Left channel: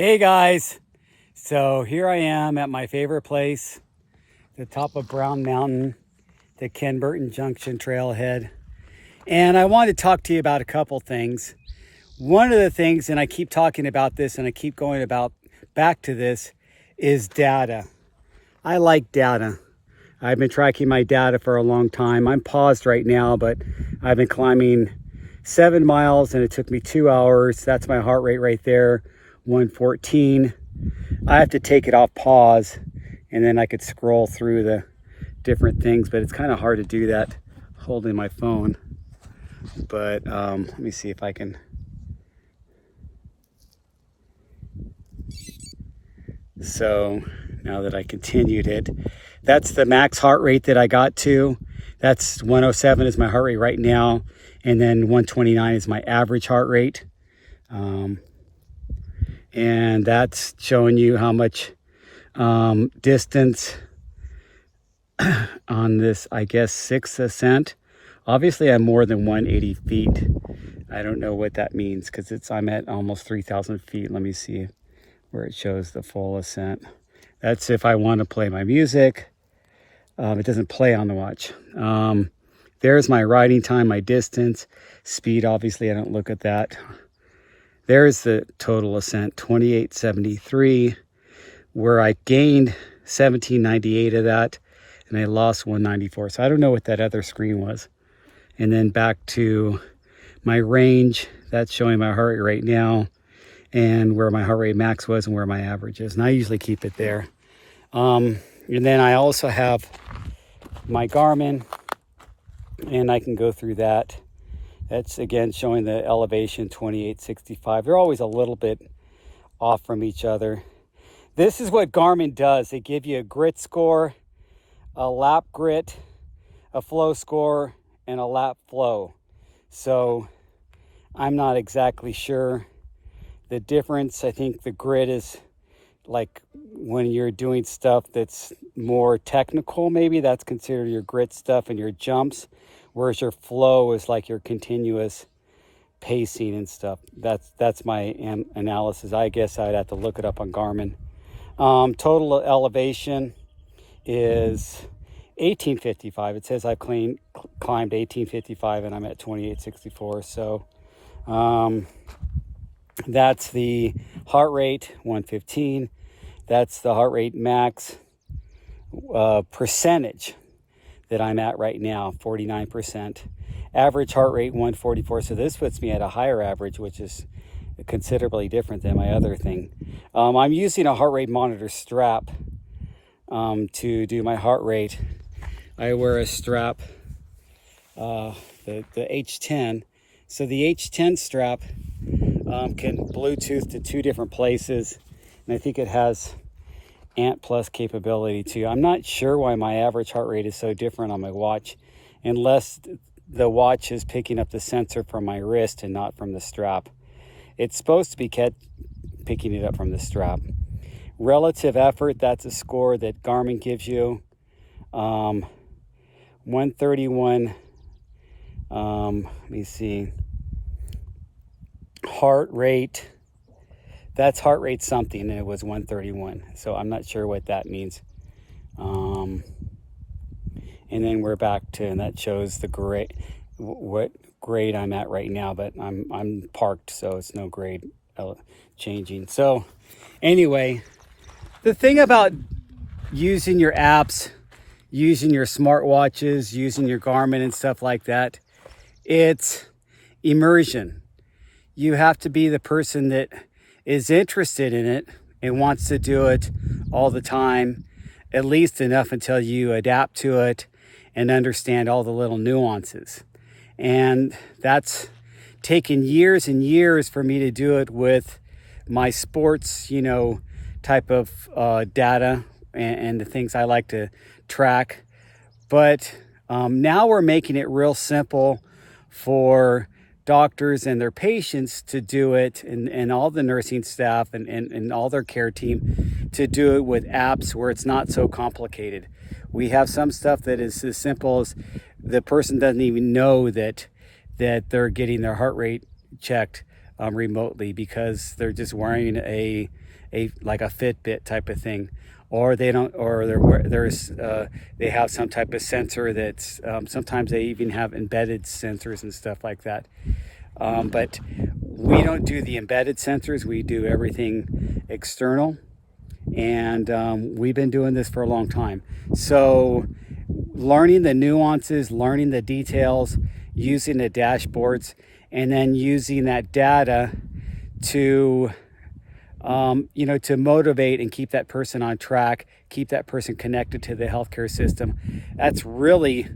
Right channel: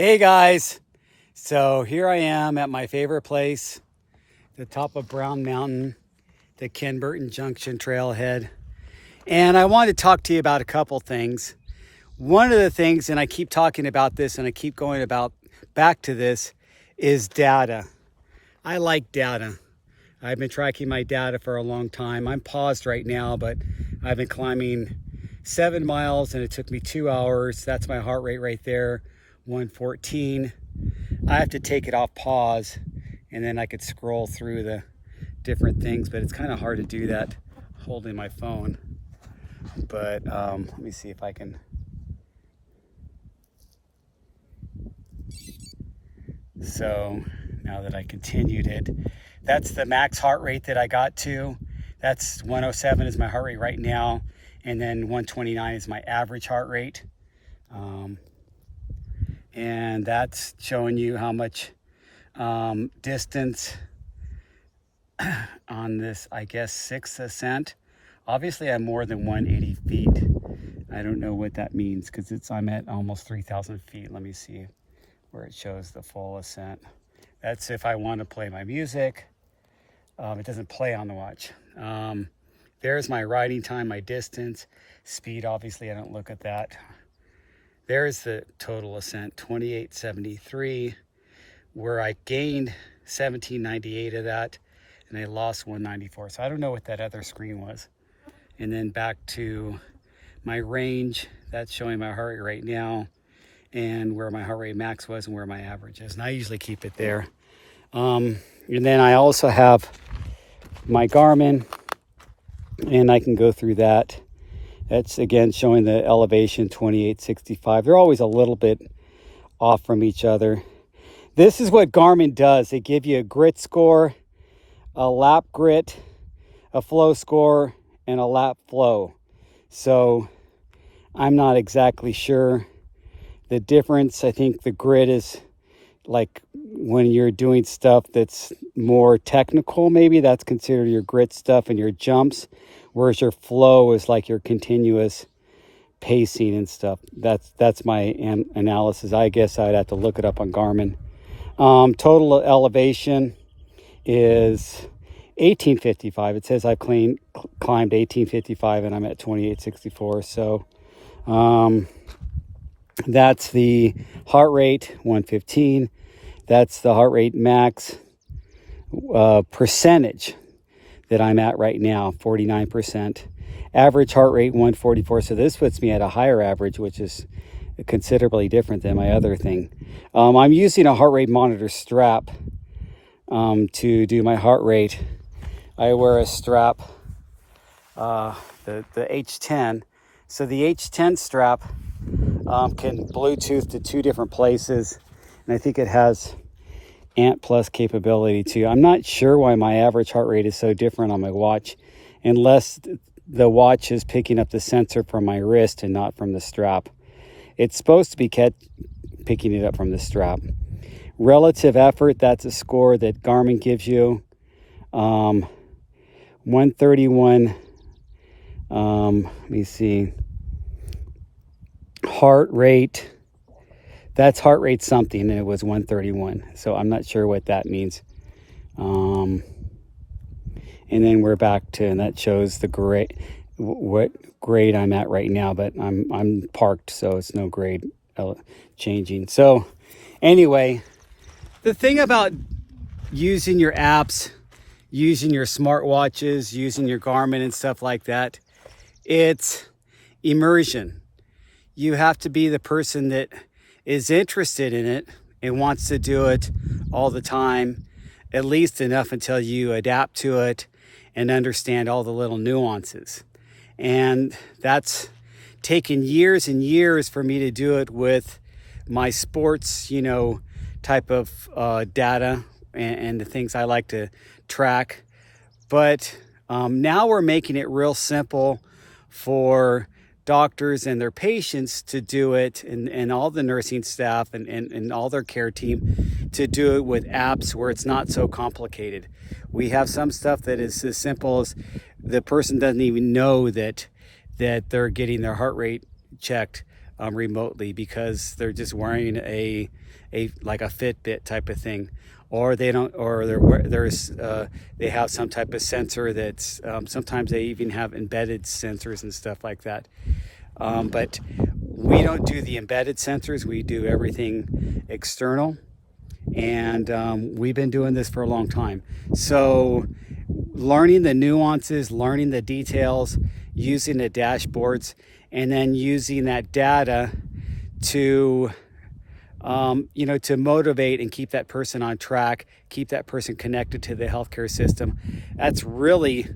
Hey guys, so here I am at my favorite place, the top of Brown Mountain, the Ken Burton Junction trailhead. And I wanted to talk to you about a couple things. One of the things, and I keep talking about this and I keep going back to this, is data. I like data. I've been tracking my data for a long time. I'm paused right now, but I've been climbing 7 miles and it took me 2 hours. That's my heart rate right there, 114. I have to take it off pause and then I could scroll through the different things, but it's kind of hard to do that holding my phone. But let me see if I can. So now that I continued it, that's the max heart rate that I got to. That's 107 is my heart rate right now. And then 129 is my average heart rate. And that's showing you how much distance on this, I guess, 6th ascent. Obviously, I'm more than 180 feet. I don't know what that means because I'm at almost 3,000 feet. Let me see where it shows the full ascent. That's if I want to play my music. It doesn't play on the watch. There's my riding time, my distance, speed. Obviously, I don't look at that. There's the total ascent, 2873, where I gained 1798 of that, and I lost 194. So I don't know what that other screen was. And then back to my range, that's showing my heart rate right now, and where my heart rate max was and where my average is. And I usually keep it there. And then I also have my Garmin, and I can go through that. That's again showing the elevation 2865. They're always a little bit off from each other. This is what Garmin does. They give you a grit score, a lap grit, a flow score, and a lap flow. So I'm not exactly sure the difference. I think the grit is like when you're doing stuff that's more technical, maybe that's considered your grit stuff and your jumps, whereas your flow is like your continuous pacing and stuff. That's my analysis. I guess I'd have to look it up on Garmin. Total elevation is 1855. It says I've climbed 1855 and I'm at 2864. So that's the heart rate, 115. That's the heart rate max percentage that I'm at right now, 49%. Average heart rate, 144. So this puts me at a higher average, which is considerably different than my other thing. I'm using a heart rate monitor strap to do my heart rate. I wear a strap, the H10. So the H10 strap can Bluetooth to 2 different places. And I think it has Ant Plus capability too. I'm not sure why my average heart rate is so different on my watch, unless the watch is picking up the sensor from my wrist and not from the strap. It's supposed to be picking it up from the strap. Relative effort, that's a score that Garmin gives you. 131, let me see, heart rate, that's heart rate something, and it was 131. So I'm not sure what that means. And then we're back to, and that shows the grade, what grade I'm at right now, but I'm parked, so it's no grade changing. So anyway, the thing about using your apps, using your smartwatches, using your Garmin and stuff like that, it's immersion. You have to be the person that is interested in it and wants to do it all the time, at least enough until you adapt to it and understand all the little nuances. And that's taken years and years for me to do it with my sports, type of data and the things I like to track. But now we're making it real simple for doctors and their patients to do it, and all the nursing staff and all their care team to do it with apps where it's not so complicated. We have some stuff that is as simple as the person doesn't even know that they're getting their heart rate checked remotely, because they're just wearing a like a Fitbit type of thing, or they don't, or they have some type of sensor that's sometimes they even have embedded sensors and stuff like that. But we don't do the embedded sensors, we do everything external, and we've been doing this for a long time. So learning the nuances, learning the details, using the dashboards, and then using that data to to motivate and keep that person on track, keep that person connected to the healthcare system. That's really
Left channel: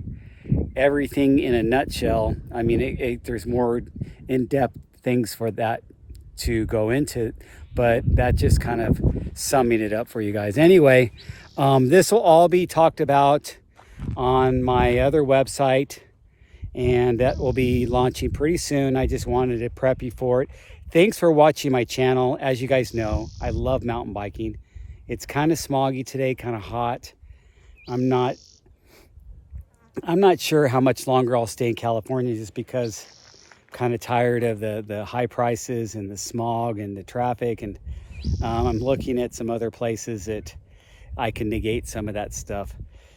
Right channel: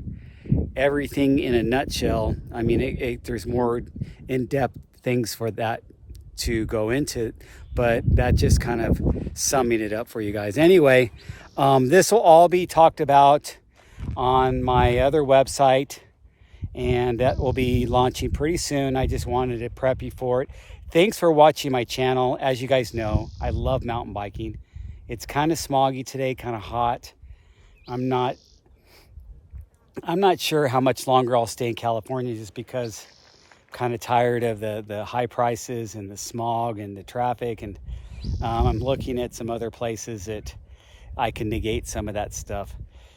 everything in a nutshell. I mean, there's more in-depth things for that to go into, but that just kind of summing it up for you guys. Anyway, this will all be talked about on my other website, and that will be launching pretty soon. I just wanted to prep you for it. Thanks for watching my channel. As you guys know, I love mountain biking. It's kind of smoggy today, kind of hot. I'm not sure how much longer I'll stay in California, just because I'm kind of tired of the high prices and the smog and the traffic. And I'm looking at some other places that I can negate some of that stuff.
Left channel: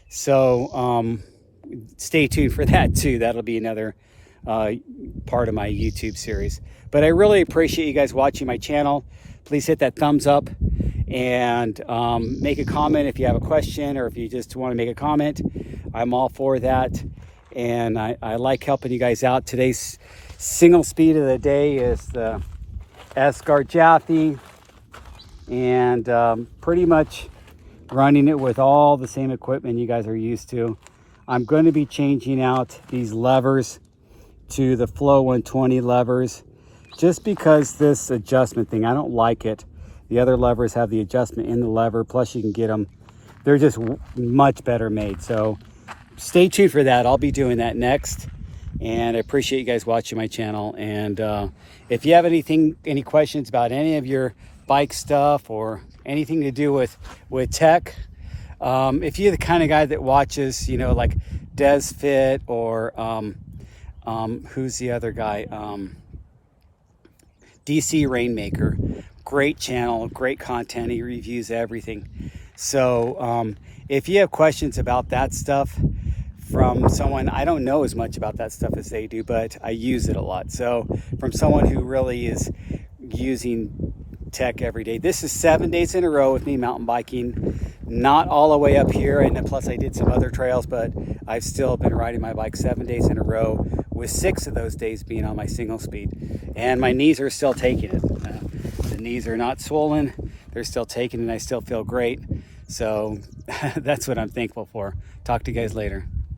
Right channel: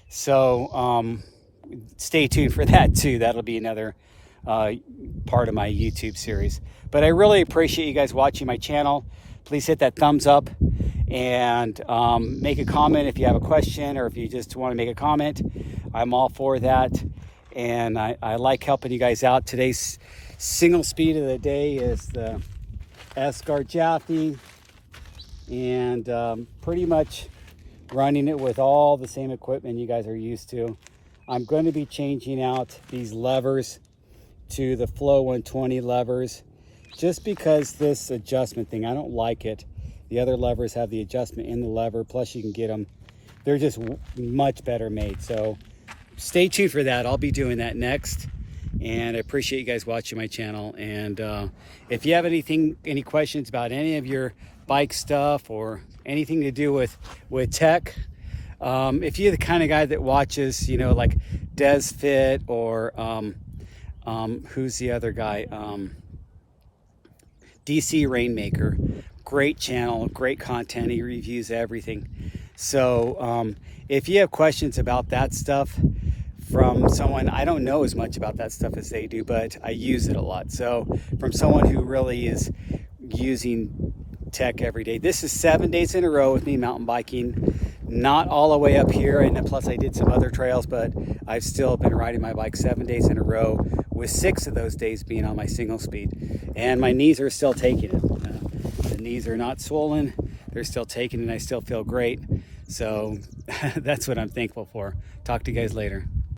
So stay tuned for that too. That'll be another part of my YouTube series. But I really appreciate you guys watching my channel. Please hit that thumbs up and make a comment if you have a question, or if you just want to make a comment. I'm all for that, and I like helping you guys out. Today's single speed of the day is the Escar Jaffe, and pretty much running it with all the same equipment you guys are used to. I'm going to be changing out these levers to the Flow 120 levers, just because this adjustment thing, I don't like it. The other levers have the adjustment in the lever, plus you can get them, they're just much better made. So stay tuned for that. I'll be doing that next, and I appreciate you guys watching my channel. And if you have any questions about any of your bike stuff or anything to do with tech, if you're the kind of guy that watches, like DesFit, or who's the other guy, DC Rainmaker, great channel, great content, he reviews everything. So if you have questions about that stuff from someone, I don't know as much about that stuff as they do, but I use it a lot. So from someone who really is using tech every day. This is 7 days in a row with me mountain biking, not all the way up here, and then plus I did some other trails, but I've still been riding my bike 7 days in a row, with 6 of those days being on my single speed. And my knees are still taking it. The knees are not swollen, they're still taking it, and I still feel great. So that's what I'm thankful for. Talk to you guys later.